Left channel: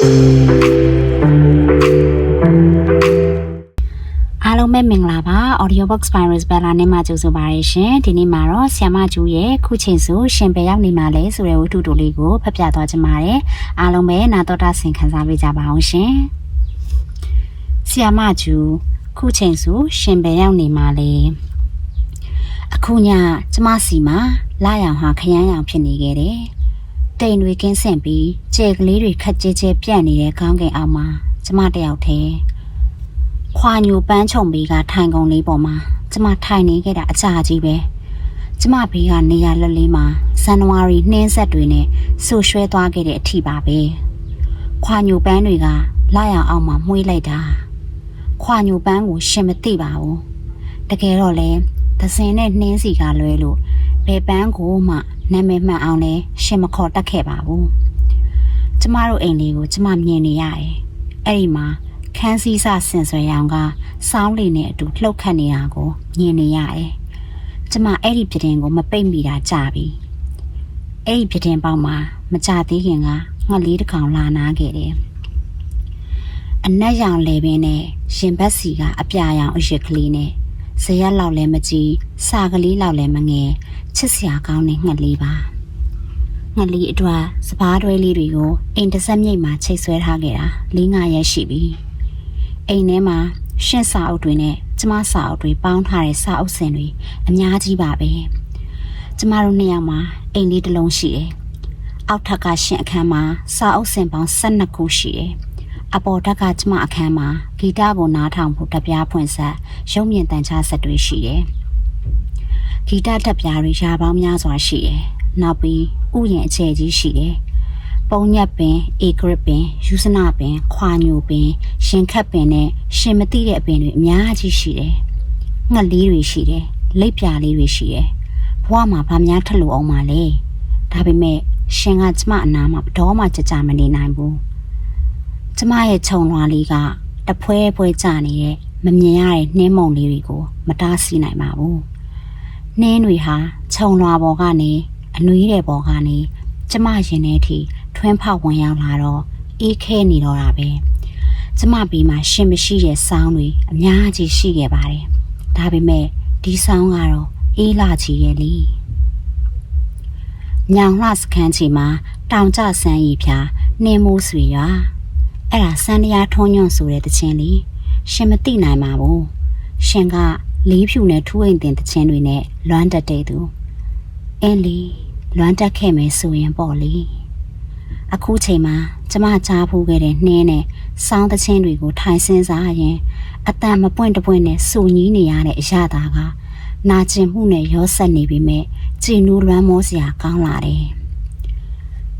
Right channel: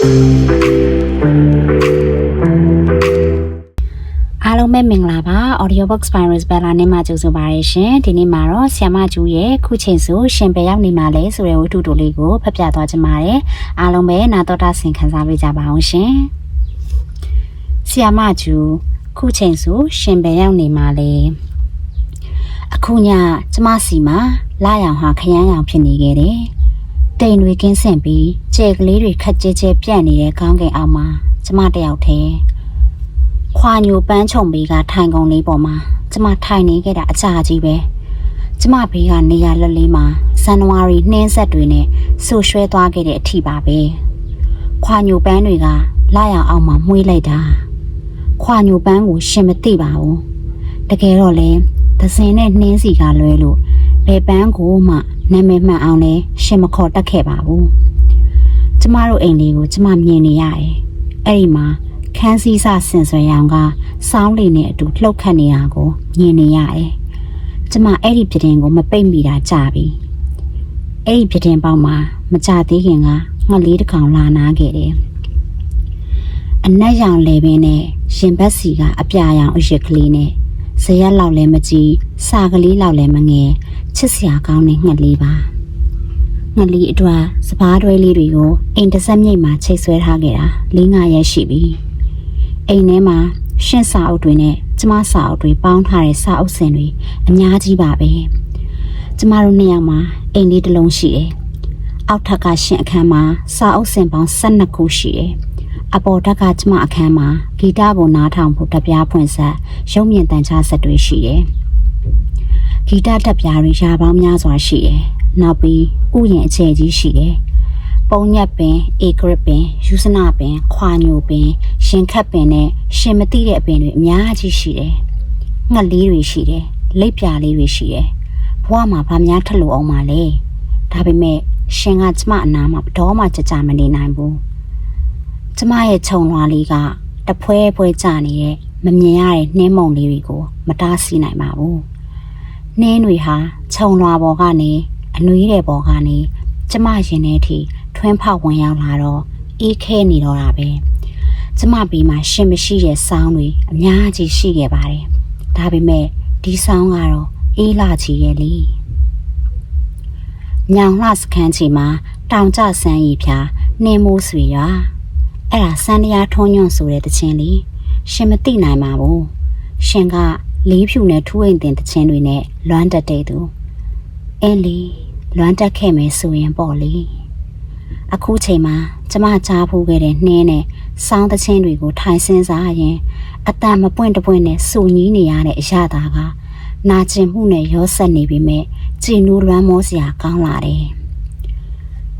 အားလုံးပဲမင်္ဂလာပါ Audiobox Virus Bella နဲ့မှကြိုဆိုပါရရှင်ဒီနေ့မှာတော့ဆီယမကျူရဲ့ခုချိန်ဆိုရှင်ပဲရောက်နေမှာလဲဆိုတဲ့ဝတ္ထုတိုလေးကိုဖတ်ပြသွားချင်ပါတယ်အားလုံးပဲနာတော်တာဆင်ခံစားပေးကြပါအောင်ရှင်ဆီယမကျူခုချိန်ဆိုရှင်ပဲရောက်နေမှာလဲအခုညကျမစီမှာလာရောင်ဟာခရမ်းရောင်ဖြစ်နေခဲ့တယ် တိမ်တွေကင်းဆန့်ပြီးကြဲကလေးတွေခက်ကြဲကြဲပြန့်နေတဲ့ခေါင်းကင်အောက်မှာကျမတယောက်တည်းခွာညိုပန်းချုံဘေးကထိုင်ကုန်လေးပေါ်မှာကျမထိုင်နေခဲ့တာအကြာကြီးပဲကျမဘေးကနေရာလက်လေးမှာဇန်နဝါရီနှင်းဆက်တွေနဲ့ဆူရွှဲသွားခဲ့တဲ့အထိပါပဲခွာညိုပန်းတွေကလာရအောင်မှမှုေးလိုက်တာခွာညိုပန်းကိုရှင်မသိပါဘူးတကယ်တော့လေသစင်နဲ့နှင်းစီကလွဲလို့ဘယ်ပန်းကိုမှ နာမည်မှန်အောင်လဲရှင်မခေါ်တတ်ခဲ့ပါဘူးကျမတို့အိမ်လေးကိုကျမမြင်နေရတယ်အဲ့ဒီမှာခန်းစည်းစဆင်ဆွဲရောင်ကစောင်းလေးနဲ့အတူလှုပ်ခတ်နေတာကိုမြင်နေရတယ်။ကျမအဲ့ဒီပြတင်ကိုမပိတ်မိတာကြာပြီ။အဲ့ဒီပြတင်ပေါက်မှာမကြသေးခင်ကငှက်လေးတစ်ကောင်လာနာခဲ့တယ်။အနက်ရောင်လေပင်နဲ့ရင်ဘတ်စီကအပြာရောင်အရက်ကလေးနဲ့ ဇရက်လောက်လည်းမကြီးစာကလေးလောက်လည်းမငယ်ချစ်စရာကောင်းတဲ့ငှက်လေးပါ။ငှက်လေးအတွက်စပားတွဲလေးတွေကိုအိမ်တစ်ဆက်မြိတ်မှာချိတ်ဆွဲထားခဲ့တာ၄၅ရက်ရှိပြီ။အိမ်ထဲမှာရှင်းစာအုပ်တွေနဲ့ကျမစာအုပ်တွေပေါင်းထားတဲ့စာအုပ်စင်တွေအများကြီးပါပဲကျမတို့နှစ်ယောက်မှာအိမ်လေးတစ်လုံးရှိတယ်အောက်ထပ်ကရှင်းအခန်းမှာစာအုပ်စင်ပေါင်း12ခုရှိတယ် အပေါ်ထပ်ကကျမအခန်းမှာဂီတကိုနားထောင်ဖို့တပြားဖွင့်ဆက်ရုပ်မြင်တန်ချဆက်တွေရှိတယ်ဂီတတက်ပြားတွေရာပေါင်းများစွာရှိတယ်နောက်ပြီးဥယျာဉ်အခြေကြီးရှိတယ်ပုံညက်ပင်ဧကရပင်ယူစနာပင်ခွာညိုပင်ရှင်ခတ်ပင်နဲ့ရှင်မတိတဲ့အပင်တွေအများကြီးရှိတယ်။ငှက်လေးတွေရှိတယ်။လိပ်ပြာလေးတွေရှိတယ်။ဘဝမှာဗာများထက်လို့အောင်ပါလေ။ဒါပေမဲ့ရှင်ကကျမအနာမှာတော့မှကြကြမနေနိုင်ဘူး။ ကျမရဲ့ခြုံလွှာလေးကတဖွဲဖွဲကြနေတဲ့မမြင်ရတဲ့နှင်းမုံလေးတွေကိုမတားဆီးနိုင်ပါဘူး။နှင်းတွေဟာခြုံလွှာပေါ်ကနေအနွေးတဲ့ပေါ်ကနေကျမရင်ထဲထိထွန်းဖောက်ဝင်ရောက်လာတော့အေးခဲနေတော့တာပဲကျမပြီးမှရှင်မရှိတဲ့ဆောင်းတွေအများကြီးရှိခဲ့ပါတယ်ဒါပေမဲ့ဒီဆောင်းကတော့အေးလာချီရဲ့လေညောင်လှစခန်းချီမှာတောင်ကျဆန်းရီဖြာနှင်းမိုးဆွေရွာ အဲ့ဒါစန်းတရားထုံးညွန့်ဆိုတဲ့တခြင်းလေးရှင်မသိနိုင်ပါဘူးရှင်ကလေးဖြူနဲ့ထူးအိမ်တင်တခြင်းတွေနဲ့လွမ်းတက်တဲ့သူအင်းလီလွမ်းတက်ခဲ့မယ်ဆိုရင်ပေါ့လေအခုချိန်မှာကျမကြားဖို့ခဲ့တဲ့နှင်းနဲ့စောင်းသချင်းတွေကိုထိုင်စင်းစားရင်အတန်မပွင့်တပွင့်နဲ့စူညီးနေရတဲ့အရာသာကနာကျင်မှုနဲ့ရောဆက်နေပြီမဲ့ကြည်နူးလွမ်းမောစရာကောင်းလာတယ်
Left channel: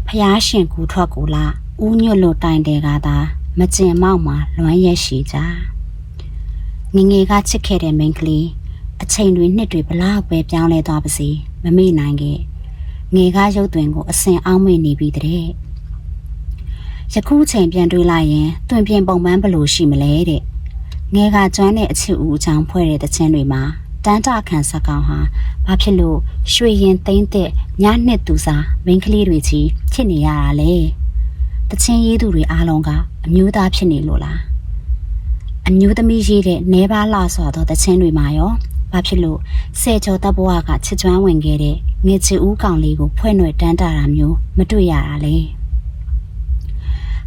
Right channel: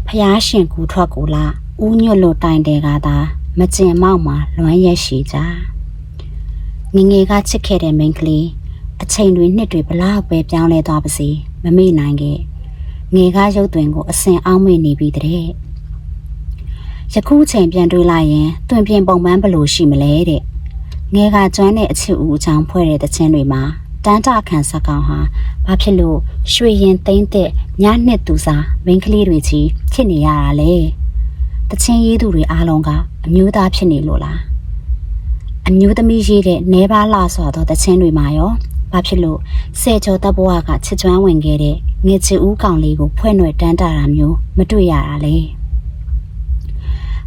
ဖျားရှင်ကူထွက်ကူလာ ဦးညွတ်လို့တိုင်တယ်ကသာမကျင်မောက်မှာလွမ်းရက်ရှိကြငငယ်ကချစ်ခဲ့တဲ့မိန်းကလေးအချိန်တွေနှစ်တွေဘလောက်ပဲပြောင်းလဲသွားပါစေမမေ့နိုင်ခဲ့ငယ်ကားရုပ်သွင်းကိုအစင်အောင်မေ့နေပြီတဲ့ယခုချိန်ပြန်တွေးလိုက်ရင်တွင်ပြင်ပုံပန်းဘလို့ရှိမလဲတဲ့ငယ်ကကျွမ်းတဲ့အချစ်ဦးအချောင်းဖွဲ့တဲ့တခြင်းတွေမှာတန်းတာခံစကောင်ဟာဘာဖြစ်လို့ရွှေရင်သိမ့်တဲ့ညနှစ်သူစားမိန်းကလေးတွေကြီးဖြစ်နေရတာလဲ တခြင်းရေးသူတွေအားလုံးကအမျိုးသားဖြစ်နေလို့လားအမျိုးသမီးရေးတဲ့နေပါလာဆိုတော့တခြင်းတွေမှာရောဘာဖြစ်လို့ဆယ်ကျော်တပ်ဘဝကချစ်ကျွမ်းဝင်ခဲ့တဲ့ငွေချီဦးကောင်လေးကိုဖွဲ့နှွယ်တန်းတာတာမျိုးမတွေ့ရတာလေ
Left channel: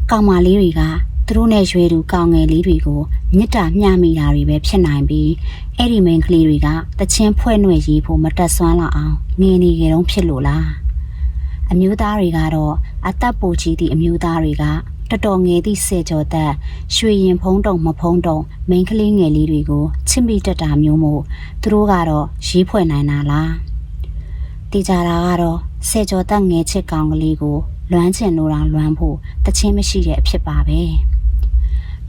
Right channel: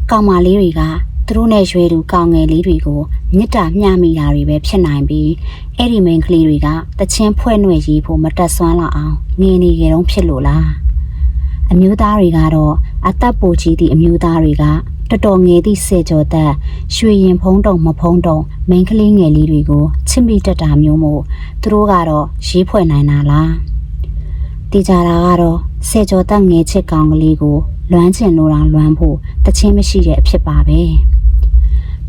ကောင်မလေးတွေကသူတို့နဲ့ရွယ်သူကောင်ငယ်လေးတွေကိုမေတ္တာမျှမိတာတွေပဲဖြစ်နိုင်ပြီးအဲ့ဒီမိန်းကလေးတွေကတချင်းဖွဲ့နှွယ်ရေးဖို့မတက်ဆွမ်းလောက်အောင်ငင်းနေကြတော့ဖြစ်လို့လားအမျိုးသားတွေကတော့ အသက်ပူကြီးသည့်အမျိုးသားတွေကတော်တော်ငယ်သည့်စေကျော်သက်ရွှေရင်ဖုံးတုံမဖုံးတုံမိန်းကလေးငယ်လေးတွေကိုချစ်မိတတ်တာမျိုးမို့သူတို့ကတော့ရေးဖွဲ့နိုင်တာလားတည်ကြတာကတော့စေကျော်တက်ငယ်ချစ်ကောင်ကလေးကိုလွမ်းချင်လို့တောင်လွမ်းဖို့တချင်းမရှိတဲ့အဖြစ်ပါပဲ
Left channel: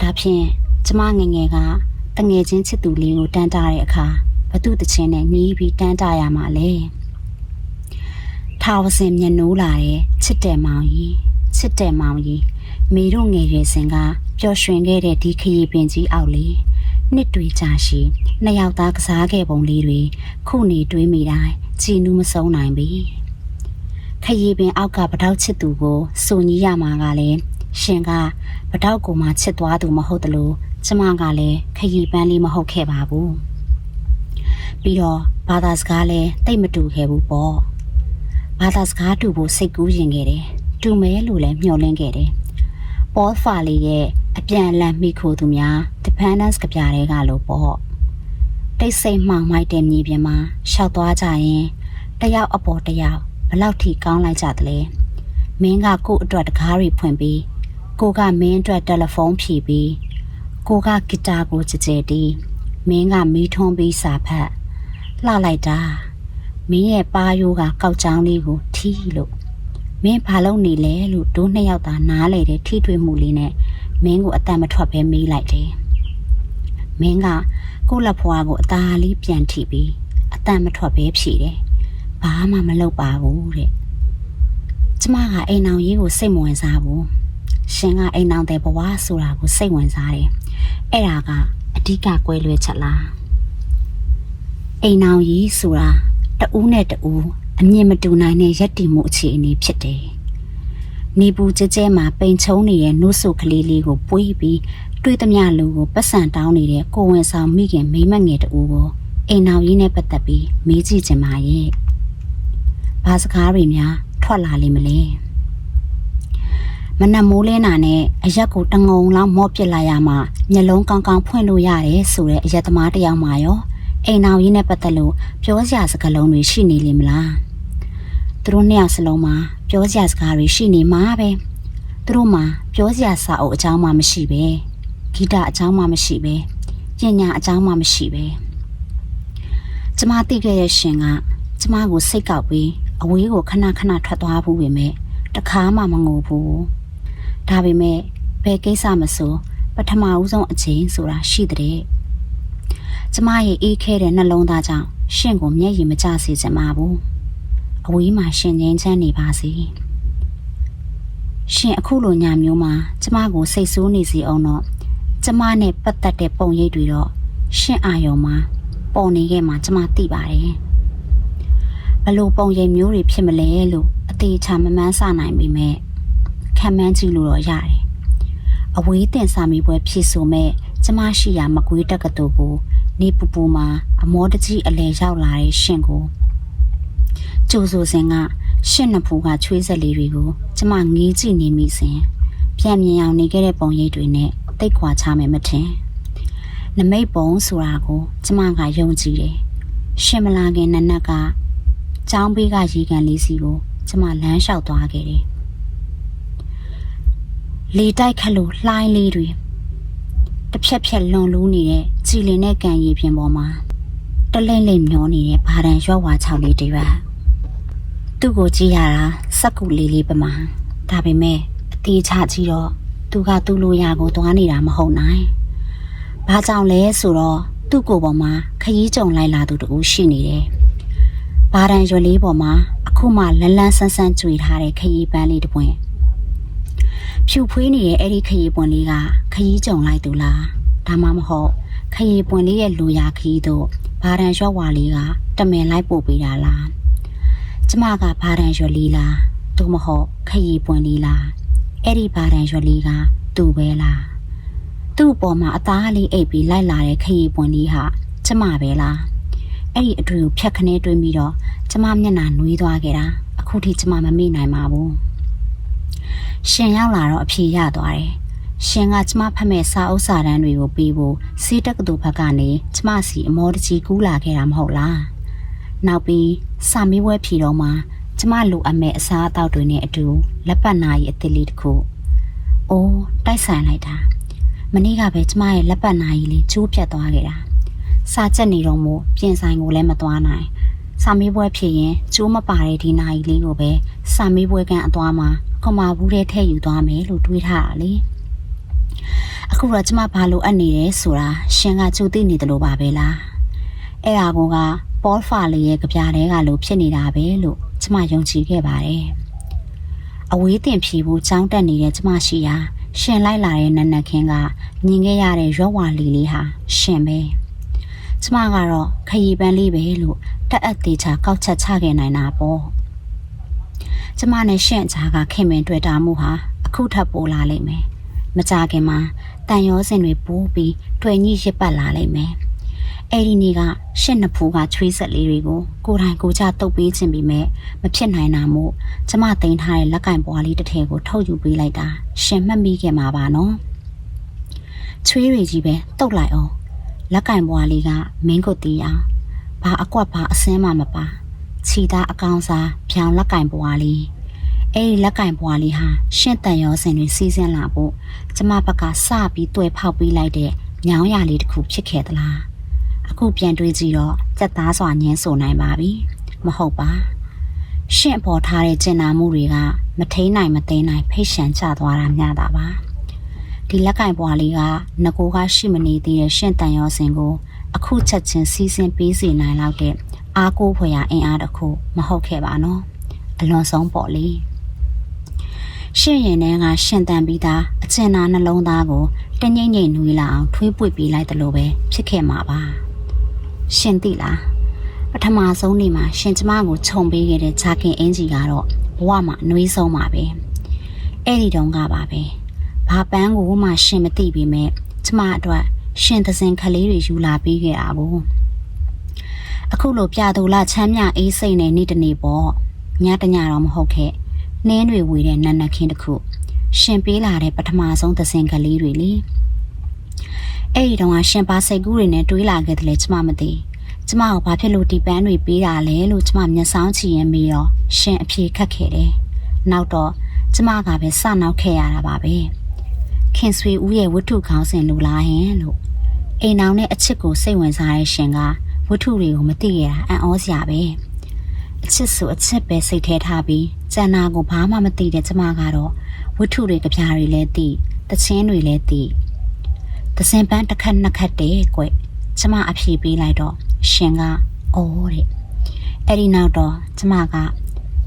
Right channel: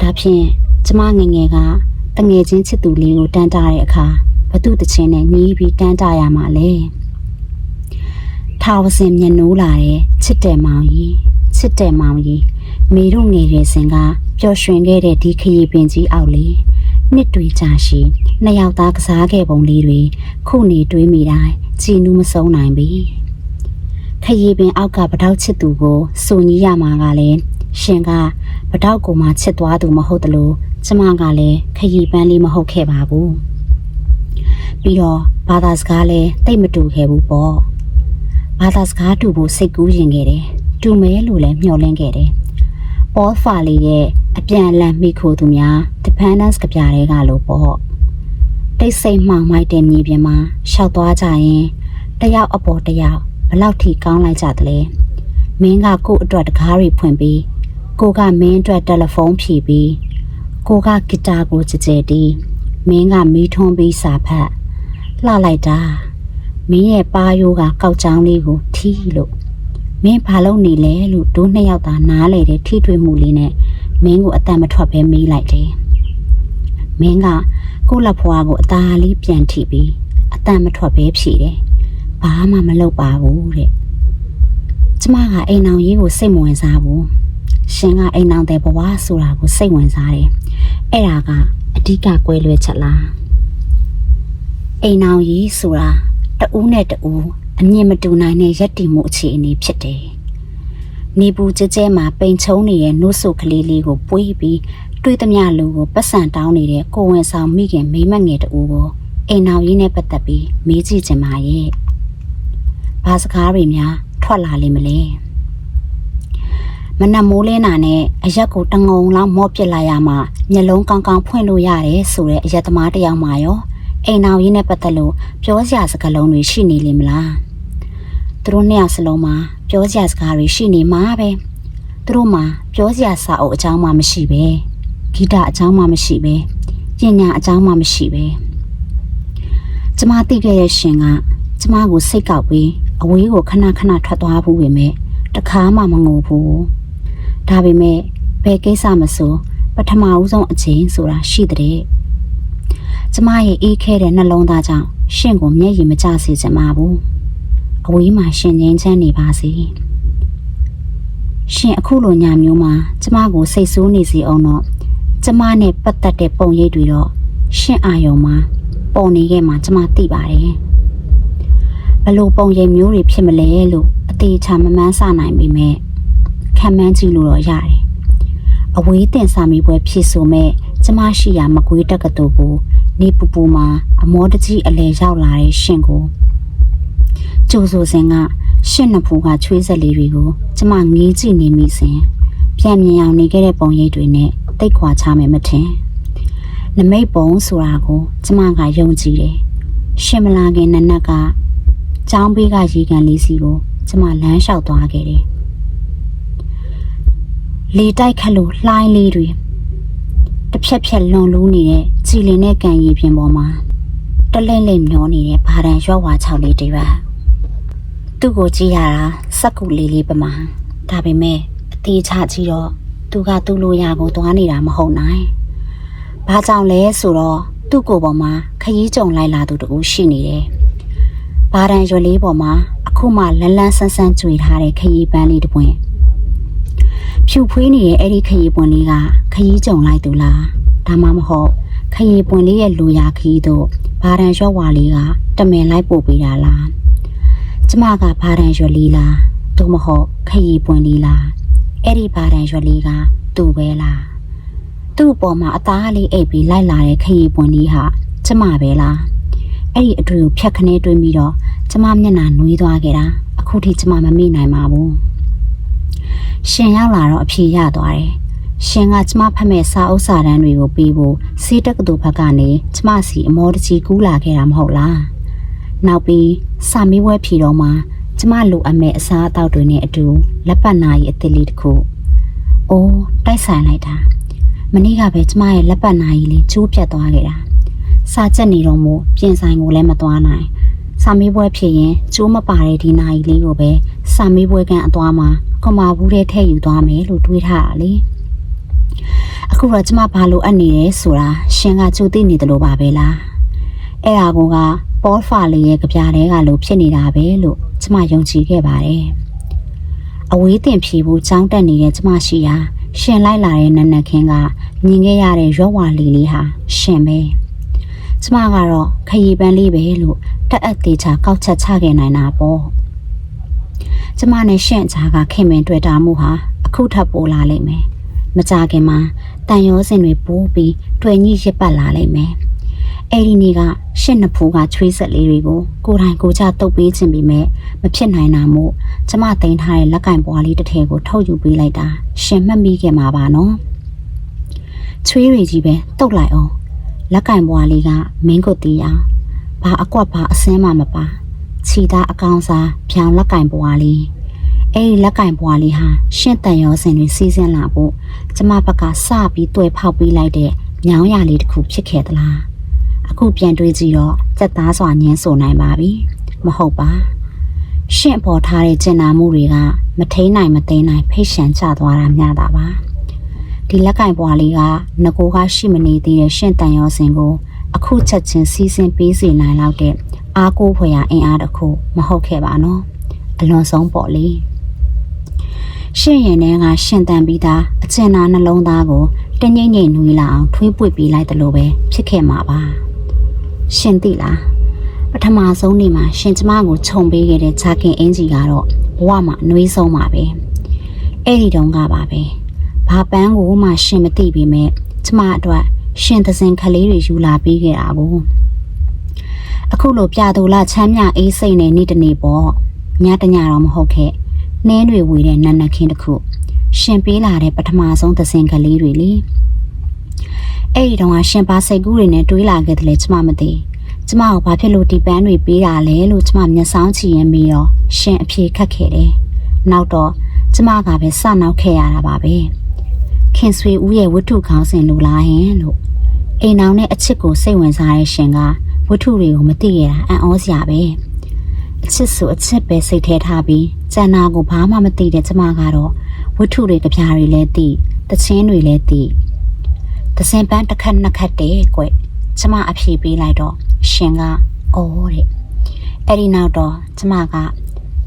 ဒါဖြင့်ကျမငယ်ငယ်ကတငယ်ချင်းချစ်သူလေးကိုတန်းတားတဲ့အခါဘသူတချင်းနဲ့ညီးပြီးတန်းတားရမှာလဲ ထာဝစင်မျက်နှိုးလာတဲ့ချစ်တယ်မောင်ကြီးချစ်တယ်မောင်ကြီးမိတို့ငယ်ရွယ်စဉ်ကပျော်ရွှင်ခဲ့တဲ့ဒီခရီးပင်ကြီးအောက်လေးနှစ်တွေကြာရှိနှစ်ယောက်သားကစားခဲ့ပုံလေးတွေခုနေတွေးမိတိုင်းကြည်နူးမဆုံးနိုင်ပြီခရီးပင်အောက်ကပထောက်ချစ်သူကိုစုံကြီးရမှာကလည်းရှင်ကပတောက်ကိုမှချစ်သွားသူမဟုတ်တလို့ကျမကလည်းခရီးပန်းလေးမဟုတ်ခဲ့ပါဘူးပြီးတော့ဘာသာစကားလည်းတိတ်မတူခဲ့ဘူးပေါ့ ဘာသာစကားတူဖို့စိတ်ကူးရင်ခဲ့တယ်တူမဲလို့လည်းမျှော်လင့်ခဲ့တယ်ပေါ်ဖာလီရဲ့အပြန်အလှန်မိခိုသူများ dependence ကြပြားတွေကလို့ပေါ့တိတ်ဆိတ်မှောင်မိုက်တဲ့မြေပြင်မှာရှောက်သွားကြရင်တယောက်အပေါ်တယောက်ဘလောက်ထိကောင်းလိုက်ကြသလဲမင်းကကို့အတွက်တကားတွေဖွင့်ပြီးကိုကမင်းအတွက်တယ်လီဖုန်းဖြည့်ပြီးကိုကဂီတာကိုကြကြတီးမင်းကမီးထွန်းပြီးစာဖတ်လှလိုက်တာ မင်းရဲ့ပါယိုးကကောက်ချောင်းလေးကိုထီးလို့မင်းဘာလုပ်နေလဲလို့ဒိုးနှစ်ယောက်သာနားလေတဲ့ထိတွေ့မှုလေးနဲ့မင်းကိုအတန်မထွက်ပဲမေးလိုက်တယ်မင်းကကိုယ့်လက်ဖွားကိုအသာလေးပြန်ထိပြီးအတန်မထွက်ပဲဖြေတယ်ဘာမှမလုပ်ပါဘူးတဲ့ကျမကအိမ်အောင်ရေးကိုစိတ်မဝင်စားဘူးရှင်ကအိမ်အောင်တဲ့ဘဝဆိုတာကိုစိတ်ဝင်စားတယ်အဲ့ဒါကအဓိကကွဲလွဲချက်လားအိမ်အောင်ရေးဆိုတာ တဦးနဲ့တဦးအမြင်မတူနိုင်တဲ့ရက်တည်မှုအခြေအနေဖြစ်တယ်နေပူကျကျဲမှာပိန်ချုံနေတဲ့နှုတ်ဆုကလေးလေးကိုပွေးပြီးတွေးသမျှလူကိုပတ်စံတောင်းနေတဲ့ကိုဝင်ဆောင်မိခင်မိမငယ်တူကိုအိမ်အောင်ရေးနဲ့ပတ်သက်ပြီးမေးကြည့်ချင်ပါရဲ့ဘာစကားတွေများထွက်လာလိမ့်မလဲမနက်မိုးလင်းတာနဲ့အရက်ကိုတငုံလောက်မော့ပစ်လိုက်ရမှမျက်လုံးကောင်းကောင်းဖွင့်လို့ရတယ်ဆိုတဲ့အရက်သမားတစ်ယောက်မှရော အိမ်အောင်ရေးနဲ့ပတ်သက်လို့ပြောစရာစကားလုံးတွေရှိနေလိမ့်မလားသူတို့နှစ်ယောက်စလုံးမှာပြောစရာစကားတွေရှိနေမှာပဲသူတို့မှာပြောစရာစာအုပ်အကြောင်းမှမရှိပဲဂီတအကြောင်းမှမရှိပဲပညာအကြောင်းမှမရှိပဲကျမသိခဲ့ရဲ့ရှင်ကကျမကိုစိတ်ကောက်ပြီးအဝေးကိုခဏခဏထွက်သွားဘူးပဲမဲ့တခါမှမငိုဘူးဒါပေမဲ့ဘယ်ကိစ္စမဆိုပထမဦးဆုံးအချိန်ဆိုတာရှိတဲ့ ကျမရဲ့အေးခဲတဲ့နှလုံးသားကြောင့်ရှင်ကိုမျက်ရည်မကျစေချင်ပါဘူးအဝေးမှာရှင်ငင်းချမ်းနေပါစေရှင်အခုလိုညမျိုးမှာကျမကိုစိတ်ဆိုးနေစေအောင်တော့ကျမနဲ့ပတ်သက်တဲ့ပုံရိပ်တွေတော့ရှင်အာယုံမှာပုံနေခဲ့မှာကျမသိပါတယ်ဘလို့ပုံရိပ်မျိုးတွေဖြစ်မလဲလို့အသေးချာမမှန်းဆနိုင်ပေမဲ့ခံမှန်းကြည့်လို့တော့ရတယ်အဝေးတင်စာမေးပွဲဖြည့်ဆိုမဲ့ ကျမရှိရာမကွေးတက္ကသိုလ်ကိုနေပူပူမှာအမောတကြီးအလဲရောက်လာတဲ့ရှင်ကိုကျိုးဆိုစဉ်ကရှင့်နှစ်ဖူကချွေးစက်လေးတွေကိုကျမငေးကြည့်နေမိစဉ်ပြန်မြင်အောင်နေခဲ့တဲ့ပုံရိပ်တွေနဲ့တိတ်ခွာချမယ်မထင်နမိတ်ပုံဆိုတာကိုကျမကယုံကြည်တယ်ရှင်မလာခင်နနက်ကចောင်းဘေးကရေကန်လေးစီကိုကျမလမ်းလျှောက်သွားခဲ့တယ်လေတိုက်ခတ်လို့လှိုင်းလေးတွေ တစ်ဖြက်ဖြက်လွန်လူးနေတဲ့ကြည်လင်တဲ့ကန်ရီပြင်ပေါ်မှာတလိမ့်လိမ့်မျောနေတဲ့ဘာတန်ရွက်ဝါချောက်လေးတွေပါသူ့ကိုကြည့်ရတာစက်ကူလေးလေးပမာဒါပေမဲ့အသေးချကြည့်တော့သူကသူ့လိုရာကိုသွားနေတာမဟုတ်နိုင်ဘာကြောင့်လဲဆိုတော့သူ့ကိုယ်ပေါ်မှာခရီးကြုံလိုက်လာသူတူရှိနေတယ်ဘာတန်ရွက်လေးပေါ်မှာအခုမှလန်းလန်းဆန်းဆန်းကြွေထားတဲ့ခရီးပန်းလေးတစ်ပွင့် ဖြူဖွေးနေတဲ့အဲ့ဒီခရီးပွင့်လေးကခရီးကြုံလိုက်သူလားဒါမှမဟုတ်ခရီးပွင့်လေးရဲ့လူရာခရီးတို့ဘာတန်ရွက်ဝါလေးကတမင်လိုက်ပို့ပေးတာလားကျမကဘာတန်ရွက်လေးလားသို့မဟုတ်ခရီးပွင့်လေးလားအဲ့ဒီဘာတန်ရွက်လေးကသူ့ပဲလားသူ့အပေါ်မှာအသားလေးအိပ်ပြီးလိုက်လာတဲ့ခရီးပွင့်လေးဟာကျမပဲလားအဲ့ဒီအတွေ့ကိုဖြတ်ခနဲတွင်းပြီးတော့ကျမမျက်နှာနွေးသွားခဲ့တာအခုထိကျမမမေ့နိုင်ပါဘူး ရှင်ရောက်လာတော့အဖြေရသွားတယ်ရှင်ကကျမဖတ်မဲ့စာအုပ်စာတမ်းတွေကိုပေးဖို့စီးတက္ကသိုလ်ဘက်ကနေကျမစီအမောတကြီးကူးလာခဲ့တာမဟုတ်လားနောက်ပြီးစာမေးပွဲဖြေတော့မှကျမလိုအပ်မဲ့အစားအသောက်တွေနဲ့အတူလက်ပတ်နာရီအသစ်လေးတစ်ခုအိုးတိုက်ဆိုင်လိုက်တာမနေ့ကပဲကျမရဲ့လက်ပတ်နာရီလေးကျိုးပြတ်သွားခဲ့တာစာချက်နေတော့မို့ပြင်ဆိုင်ကိုလည်းမသွားနိုင်စာမေးပွဲဖြေရင်ကျိုးမပါတဲ့ဒီနာရီလေးကိုပဲ စာမေးပွဲကန်အသွားမှာကမာဘူးတဲ့ထည့်ယူသွားမယ်လို့တွေးထားတာလေအခုတော့ကျမဘာလို့အပ်နေလဲဆိုတာရှင်ကကြိုသိနေတယ်လို့ပါပဲလားအဲ့ဒါကပေါ်ဖာလေးရဲ့ကြပြားတွေကလို့ဖြစ်နေတာပဲလို့ကျမယုံကြည်ခဲ့ပါတယ်အဝေးတင်ဖြေဖို့ကြောင်းတက်နေတဲ့ကျမရှိရာရှင်လိုက်လာတဲ့နနက်ခင်းကမြင်ခဲ့ရတဲ့ရွက်ဝါလီလေးဟာရှင်ပဲကျမကတော့ခရီးပန်းလေးပဲလို့တက်အပ်သေးချာကောက်ချက်ချခဲ့နိုင်တာပေါ့ ကျမနဲ့ရှင့်ချာကခင်မင်တွေ့တာမှုဟာအအခုထပ်ပိုလာလိမ့်မယ်မကြခင်မှာတန်ရောစင်တွေပိုးပြီးတွေ့ညှိရစ်ပတ်လာလိမ့်မယ်အဲ့ဒီနေ့ကရှင့်နှစ်ဖူးကချွေးဆက်လေးတွေကိုကိုယ်တိုင်ကိုယ်ချတုတ်ပေးခြင်းပြီးမဲ့မဖြစ်နိုင်တာမို့ကျမတင်ထားတဲ့လက်ကင်ပွားလေးတစ်ထည်ကိုထုတ်ယူပေးလိုက်တာရှင်မှတ်မိခဲ့မှာပါနော်ချွေးတွေကြီးပဲတုတ်လိုက်အောင်လက်ကင်ပွားလေးကမင်းကိုတီးအောင်ဘာအကွက်ဘာအစင်းမှမပါ ခြီသားအကောင်စားဖြောင်လက်ကင်ပွားလေးအဲ့ဒီလက်ကင်ပွားလေးဟာရှင့်တန်ရောစင်တွေစီးစင်းလာဖို့ကျမဘက်ကစပြီးတွေ့ဖောက်ပေးလိုက်တဲ့ညောင်းရလေးတစ်ခုဖြစ်ခဲ့သလားအခုပြန်တွေးကြည့်တော့စက်သားစွာညင်းဆိုနိုင်ပါပြီမဟုတ်ပါရှင့်ပေါ်ထားတဲ့ကျင်နာမှုတွေကမထိန်နိုင်မသိမ်းနိုင်ဖိတ်ရှန်ချသွားတာမျှတာပါဒီလက်ကင်ပွားလေးကငကိုကရှိမနေသေးတဲ့ရှင့်တန်ရောစင်ကိုအခုချက်ချင်းစီးစင်းပေးစေနိုင်လောက်တဲ့ အားကိုးဖွယ်ရာအင်အားတစ်ခုမဟုတ်ခဲ့ပါနော်အလွန်ဆုံးပေါ့လေရှင့်ရင်ထဲကရှင်တန်ပြီးသားအကျဉ်းသားနှလုံးသားကိုတင်းငိမ့်ငိမ့်နွေးလာအောင်ထွေးပွေပေးလိုက်တယ်လို့ပဲဖြစ်ခဲ့မှာပါရှင်သိလားပထမဆုံးနေ့မှာရှင်ကျမကိုခြုံပေးခဲ့တဲ့ဂျာကင်အင်ဂျီကတော့ဘဝမှာအနှွေးဆုံးပါပဲအဲ့ဒီတုန်းကပါပဲဘာပန်းကိုမှရှင်မသိပေမဲ့ကျမအတွက်ရှင်သစင်ကလေးတွေယူလာပေးခဲ့တာဘူး အခုလိုပြသူလာချမ်းမြအေးစိတ်နဲ့နေ့တနေ့ပေါ့ညတညတော့မဟုတ်ခဲ့နှင်းတွေဝေတဲ့နန်းနခင်းတစ်ခု ရှင်ပေးလာတဲ့ပထမဆုံးသစင်ကလေးတွေလေအဲ့ဒီတော့ရှင်ပါစိတ်ကူးတွေနဲ့တွေးလာခဲ့တယ်လေကျမမသိကျမကိုဘာဖြစ်လို့ဒီပန်းတွေပေးတာလဲလို့ကျမမျက်စောင်းချီရင်ပြီးတော့ရှင်အဖြေခတ်ခဲ့တယ်နောက်တော့ကျမကပဲစနောက်ခဲ့ရတာပါပဲခင်ဆွေဦးရဲ့ဝတ္ထုခေါင်းစဉ်လူလားဟင်လို့အိမ်အောင်နဲ့အချစ်ကိုစိတ်ဝင်စားတဲ့ရှင်က ဝတ္ထုတွေကိုမသိရတာအံ့ဩစရာပဲအချစ်ဆိုအချစ်ပဲစိတ်ထဲထားပြီးကျန်နာကိုဘာမှမသိတဲ့ကျမကတော့ဝတ္ထုတွေကြပြားတွေလည်းသိတချင်းတွေလည်းသိသစင်ပန်းတစ်ခက်နှစ်ခက်တဲ့ကွကျမအဖြေပေးလိုက်တော့ရှင်ကအော်တဲ့အဲ့ဒီနောက်တော့ကျမက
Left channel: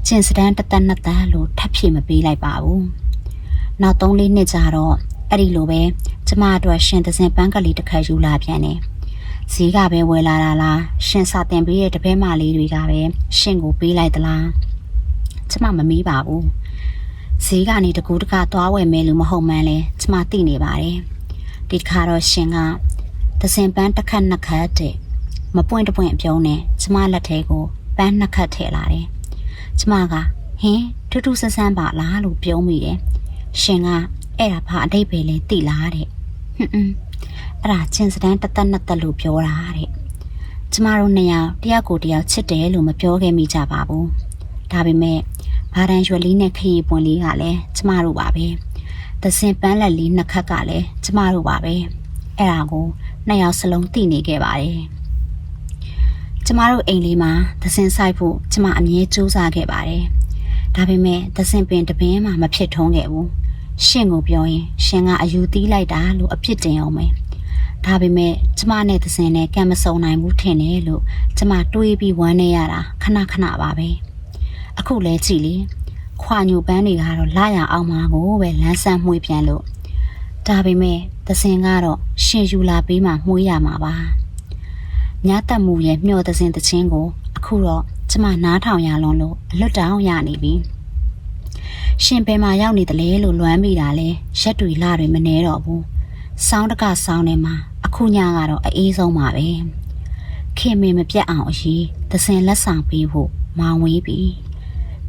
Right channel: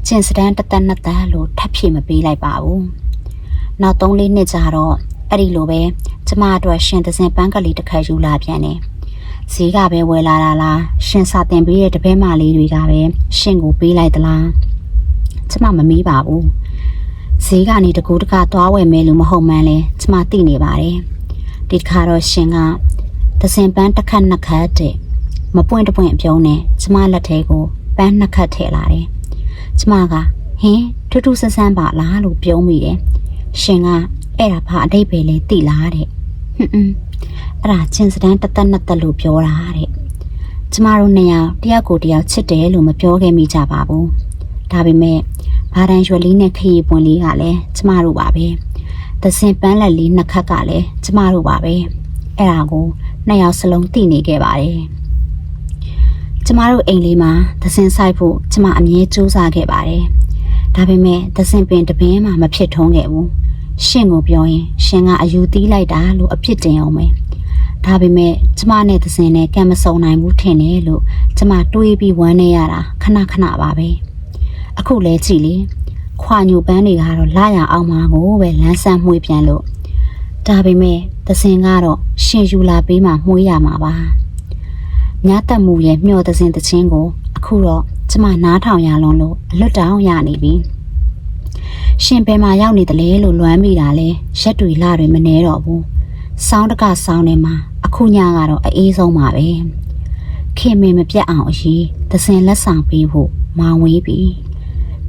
ကျင်စတန်းတစ်သက်နှစ်သက်လို့ထပ်ဖြေမပေးလိုက်ပါဘူးနောက်၃လေးနှစ်ကြာတော့အဲ့ဒီလိုပဲကျမအတွက်ရှင်သစင်ပန်းကလေးတစ်ခါယူလာပြန်တယ် ဈေးကပဲဝယ်လာတာလားရှင်စာတင်ပေးတဲ့တပည့်မလေးတွေကပဲရှင်ကိုပေးလိုက်သလားကျမမမေးပါဘူးဈေးကနေတကူတကသွားဝယ်မယ်လို့မဟုတ်မှန်းလဲကျမသိနေပါတယ်ဒီတစ်ခါတော့ရှင်ကသစင်ပန်းတစ်ခတ်နှစ်ခတ်တဲ့မပွင့်တပွင့်ပြုံးနဲ့ကျမလက်ထဲကိုပန်းနှစ်ခတ်ထည့်လာတယ်ကျမကဟင်းထူးထူးဆန်းဆန်းပါလားလို့ပြုံးမိတယ်ရှင်ကအဲ့ဒါဘာအတိတ်ပဲလဲသိလားတဲ့ဟွန်းဟွန်း အဲ့ဒါချင်းစတန်းတသက်နှစ်သက်လို့ပြောတာတဲ့ကျမတို့နှစ်ယောက်တယောက်ကိုတယောက်ချစ်တယ်လို့မပြောခဲ့မိကြပါဘူးဒါပေမဲ့ဘာတန်ရွှေလေးနဲ့ခရီးပွန်လေးကလည်းကျမတို့ပါပဲသစင်ပန်းလက်လေးနှစ်ခတ်ကလည်းကျမတို့ပါပဲအဲ့ဒါကိုနှစ်ယောက်စလုံးသိနေခဲ့ပါတယ်ကျမတို့အိမ်လေးမှာသစင်ဆိုင်ဖို့ကျမအမြဲစူးစမ်းခဲ့ပါတယ်ဒါပေမဲ့သစင်ပင်တပင်းမှမဖြစ်ထုံးခဲ့ဘူးရှင်ကိုပြောရင်ရှင်ကအယူသီးလိုက်တာလို့အပြစ်တင်အောင်ပဲ ဒါပေမဲ့ကျမနဲ့သစင်နဲ့ကံမစုံနိုင်ဘူးထင်တယ်လို့ကျမတွေးပြီးဝမ်းနေရတာခဏခဏပါပဲအခုလဲကြည့်လေခွာညိုပန်းတွေကတော့လာရအောင်မှာကိုပဲလမ်းဆန်းမှုပြန်လို့ဒါပေမဲ့သစင်ကတော့ရှင်ယူလာပေးမှမှုရမှာပါညတက်မှုရဲ့မျောသစင်တချင်းကို အခုတော့ကျမနားထောင်ရလုံးလို့အလွတ်တောင်းရနေပြီရှင်ဘယ်မှာရောက်နေတလဲလို့လွမ်းမိတာလဲရက်တွေလတွေမနေတော့ဘူးစောင်းတကစောင်းနေမှာ အခုညကတော့အေးဆုံးပါပဲခင်မင်မပြတ်အောင်အရေးသစင်လက်ဆောင်ပေးဖို့မောင်ဝေးပြီ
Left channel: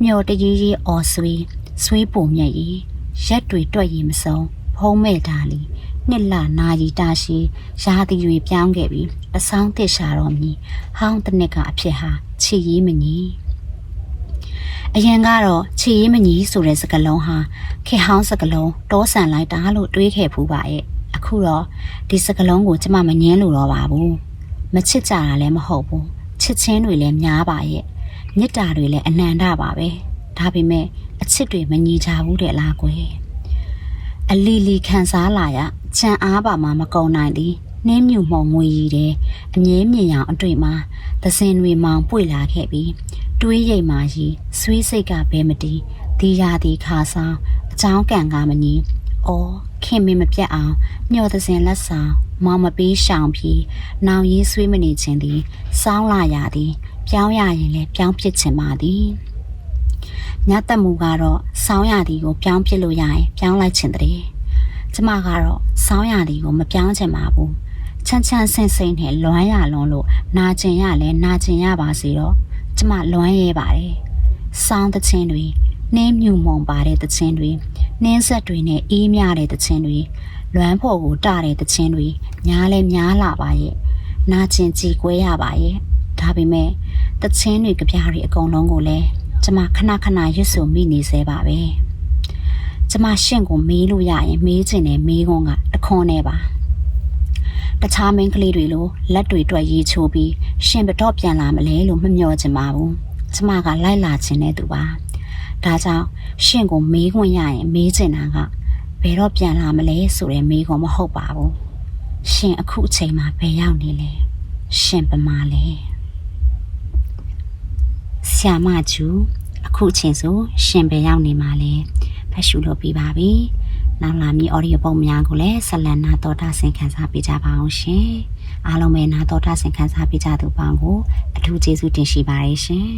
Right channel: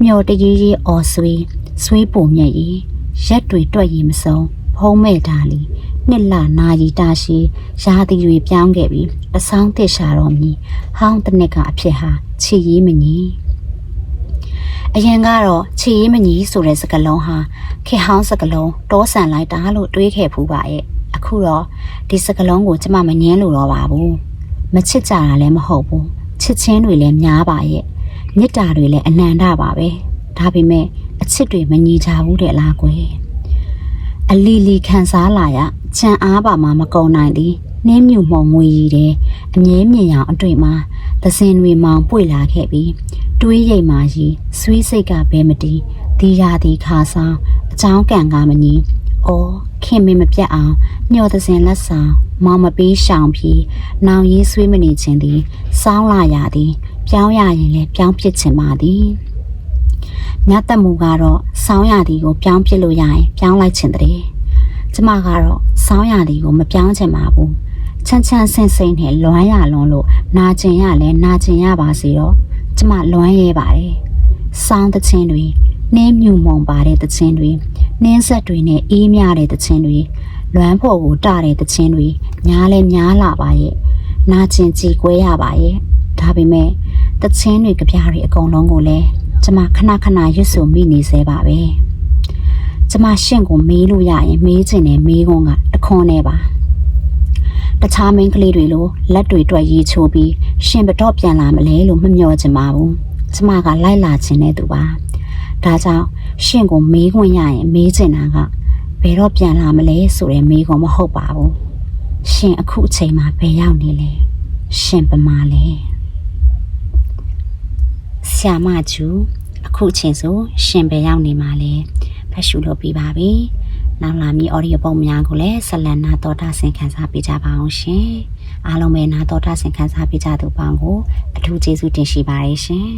မျောတကြီးကြီးအော်ဆွေးဆွေးပုံမြက်ရီရက်တွေတွက်ရီမစုံဖုံးမဲ့တာလီနှစ်လနာရီတာရှိရာသီတွေပြောင်းခဲ့ပြီးအဆောင်တစ်ရှာတော်မီဟောင်းတစ်နှစ်ကအဖြစ်ဟာချီရီးမညီအရင်ကတော့ချီရီးမညီဆိုတဲ့စကားလုံးဟာခေဟောင်းစကားလုံးတောဆန်လိုက်တာလို့တွေးခဲ့ဖူးပါရဲ့ အခုတော့ဒီစကားလုံးကိုကျမမငင်းလို့တော့ပါဘူးမချစ်ကြတာလည်းမဟုတ်ဘူးချစ်ချင်းတွေလည်းများပါရဲ့မေတ္တာတွေလည်းအနန္တပါပဲဒါပေမဲ့အချစ်တွေမညီကြဘူးတဲ့လားကွယ်အလီလီခံစားလာရချမ်းအားပါမှမကုံနိုင်သည်နှင်းမြူမှုံငွေရည်တဲ့အငဲမြင်အောင်အတွေ့မှာသစင်တွေမောင်ပွေလာခဲ့ပြီးတွေးရိမ်မာကြီးဆွေးစိတ်ကဘဲမတီးဒီရာဒီခါဆောင်အချောင်းကန်ကမနီ အော်ခင်မင်းမပြတ်အောင်ညှော်သစင်လက်ဆောင်မောင်မပေးရှောင်ပြီးနောင်ရေးဆွေးမနေခြင်းသည်စောင်းလာရသည်ပြောင်းရရင်လည်းပြောင်းဖြစ်ခြင်းပါသည်မြတ်သက်မှုကတော့စောင်းရသည်ကိုပြောင်းပြစ်လို့ရရင်ပြောင်းလိုက်ခြင်းတည်းကျမကတော့စောင်းရသည်ကိုမပြောင်းချင်ပါဘူးချမ်းချမ်းဆင်းဆင်းနဲ့လွမ်းရလွန်းလို့နာကျင်ရလဲနာကျင်ရပါစေတော့ကျမလွမ်းရဲပါတယ်စောင်းတဲ့ချင်းတွေ နှင်းမြူမုံပါတဲ့တဲ့ချင်းတွေနှင်းဆက်တွေနဲ့အေးမြတဲ့တဲ့ချင်းတွေလွမ်းဖို့ကိုတတဲ့တဲ့ချင်းတွေညားလဲညားလာပါရဲ့နာကျင်ကြည်ကွဲရပါရဲ့ဒါပေမဲ့တချင်းတွေကြပြားတွေအကုန်လုံးကိုလည်းကျမခဏခဏရွတ်ဆိုမိနေစေပါပဲကျမရှင့်ကိုမေးလို့ရရင်မေးချင်တယ်မေးခွန်းကတခွန်းနဲ့ပါတခြားမင်းကလေးတွေလိုလက်တွေတွက်ရေးချိုးပြီးရှင်ဘတော့ပြန်လာမလဲလို့မမျှော်ချင်ပါဘူးကျမကလိုက်လာခြင်းနဲ့သူပါ ဒါကြောင့်ရှင့်ကိုမေးခွန်းရရင်မေးချင်တာကဘယ်တော့ပြန်လာမလဲဆိုတဲ့မေးခွန်းမဟုတ်ပါဘူးရှင်အခုအချိန်မှာဘယ်ရောက်နေလဲရှင်ပမာလဲဆ iam မကျူအခုချိန်ဆိုရှင်ပဲရောက်နေမှာလဲဖတ်ရှုလို့ပြပါပြီနောက်လာမည့် audio ပုံများကိုလည်းဆက်လက်နာတော်တာဆင်ခံစားပေးကြပါအောင်ရှင်အားလုံးပဲနာတော်တာဆင်ခံစားပေးကြသူပေါင်းကိုအထူးကျေးဇူးတင်ရှိပါတယ်ရှင်